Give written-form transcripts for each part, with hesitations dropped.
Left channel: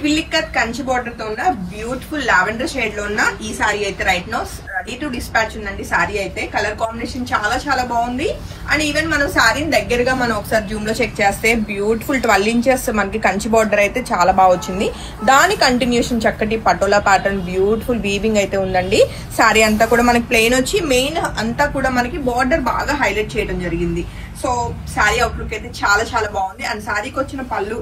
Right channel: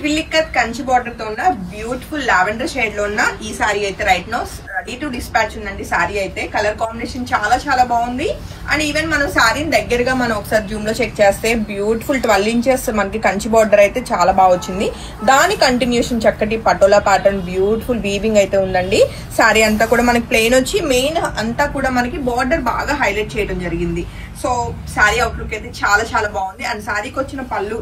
ట్విల్లిక్కత్ Kanchi border తో ఉన్న beautiful lavender shade లో ఉన్న ఈ సారీ అయితే right now ready to dispatch ఉందండి. సారీ అయితే కలర్ కాంబినేషన్ చాలా చాలా బాగుంది. అండ్ ఈవెన్ మనం సారీని దగ్గరగా మనం ఒకసారి జూమ్ లో చెక్ చేస్తే బ్యూటిఫుల్ 12 ఇంచెస్ మనకి కంచి బార్డర్ అయితే చాలా బాగా వచ్చింది. దాని కంటిన్యూషన్ చక్కటి పటోలా ప్యాటర్న్ బ్యూటిఫుల్ వీవింగ్ అయితే ఉందండి. సారీ అంతా కూడా మనకి ప్లెయిన్ వచ్చి మెయిన్ అంతా కూడా మనకి బార్డర్ బాగా హైలైట్ చేయడం జరిగింది. సో సారీ అవుట్లుక్ అయితే చాలా చాలా బాగుంది. అండ్ సారీకి వచ్చిన పళ్ళు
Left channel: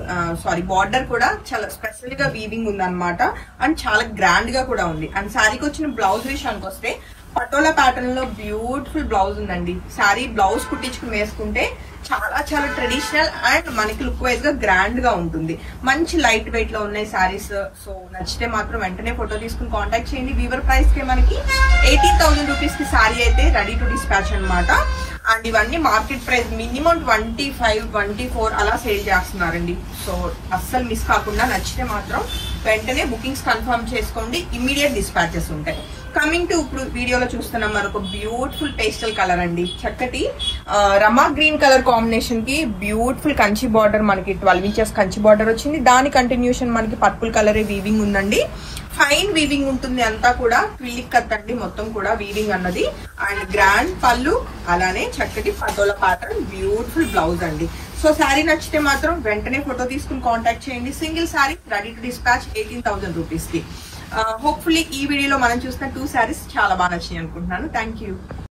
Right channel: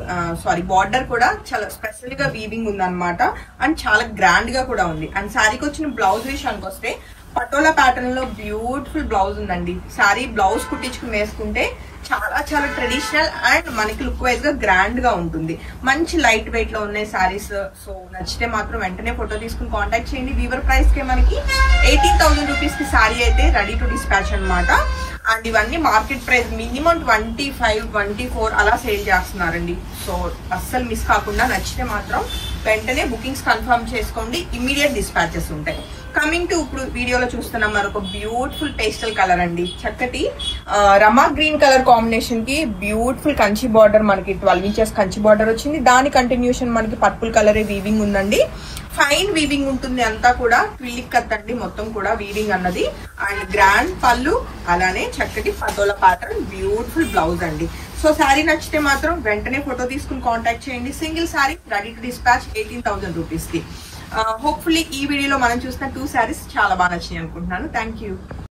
బార్డర్ కూడా చాలా స్పెషల్ గా వీవింగ్ ఉంది అనమాట. అండ్ చాలా గ్రాండ్ గా కూడా ఉంది. అండ్ సారీకి వచ్చిన బ్లౌజ్ విషయానికి వస్తే పటోలా ప్యాటర్న్ లో బ్యూటిఫుల్ బ్లౌజ్ ఉందండి. సారీ బ్లౌజ్ కుట్టించుకుని వేసుకుంటే చాలా చాలా ట్రెడిషనల్ అండ్ మనకి లుక్ వైజ్ గా గ్రాండ్ గా ఉంటుంది. మంచి లైట్ వెయిట్ లో ఉన్నాయి సారీస్. సో నచ్చితే మాత్రం వెంటనే ఫోటో తీసుకుని కాంటాక్ట్ చేయండి. వీవర్ ప్రైస్ కి మనకి 18,000 రూపీస్ కి సారీ అయితే రెడీ టు డిస్పాచ్ అనమాట. అండ్ ఇవన్నీ మార్కెట్ ప్రైస్ మినిమం 25, 24 అలా సేల్ చేస్తున్నారండి. సో అస్సలు మిస్ కాకుండా నచ్చితే మాత్రం వెంటనే బుకింగ్స్ కన్ఫర్మ్ చేసుకోండి. ఇమ్మీడియట్ డిస్పాచెస్ ఉంటాయి. కమింగ్ టు ఇప్పుడు వీడియోలో చూస్తున్నాం మరొక బ్యూటిఫుల్ పేస్టల్ కలర్ అండి. చక్కటి రమా గ్రీన్ కలర్ కాంబినేషన్ కి బ్యూటిఫుల్ కంచి బార్డర్ మనకి 12 ఇంచెస్ కంచి బార్డర్ వచ్చింది. దాని కంటిన్యూషన్ మనకి పర్పుల్ కలర్ వీవింగ్ ఉందండి. ఫైన్ వీవింగ్ ఉంటుంది అంతా కూడా. ట్విల్లిక్కత్ అండి మొత్తం కూడా వీవింగ్ అన్నది. అండ్ గ్రాండ్ పళ్ళు అలానే చక్కటి పటోలా ప్యాటర్న్ బ్యూటిఫుల్ బ్లౌజ్ అండి. సో శారీ నచ్చితే మాత్రం వెంటనే ఫోటో తీసుకుని కాంటాక్ట్ చేయండి. Single sari ready to dispatch 18,000 rupees కి. హోప్ఫుల్లీ ఈ వీడియోలో మనం చూసిన 2 శారీస్ చాలా బాగా నచ్చాయి అనుకుంటున్నాను. Thank you.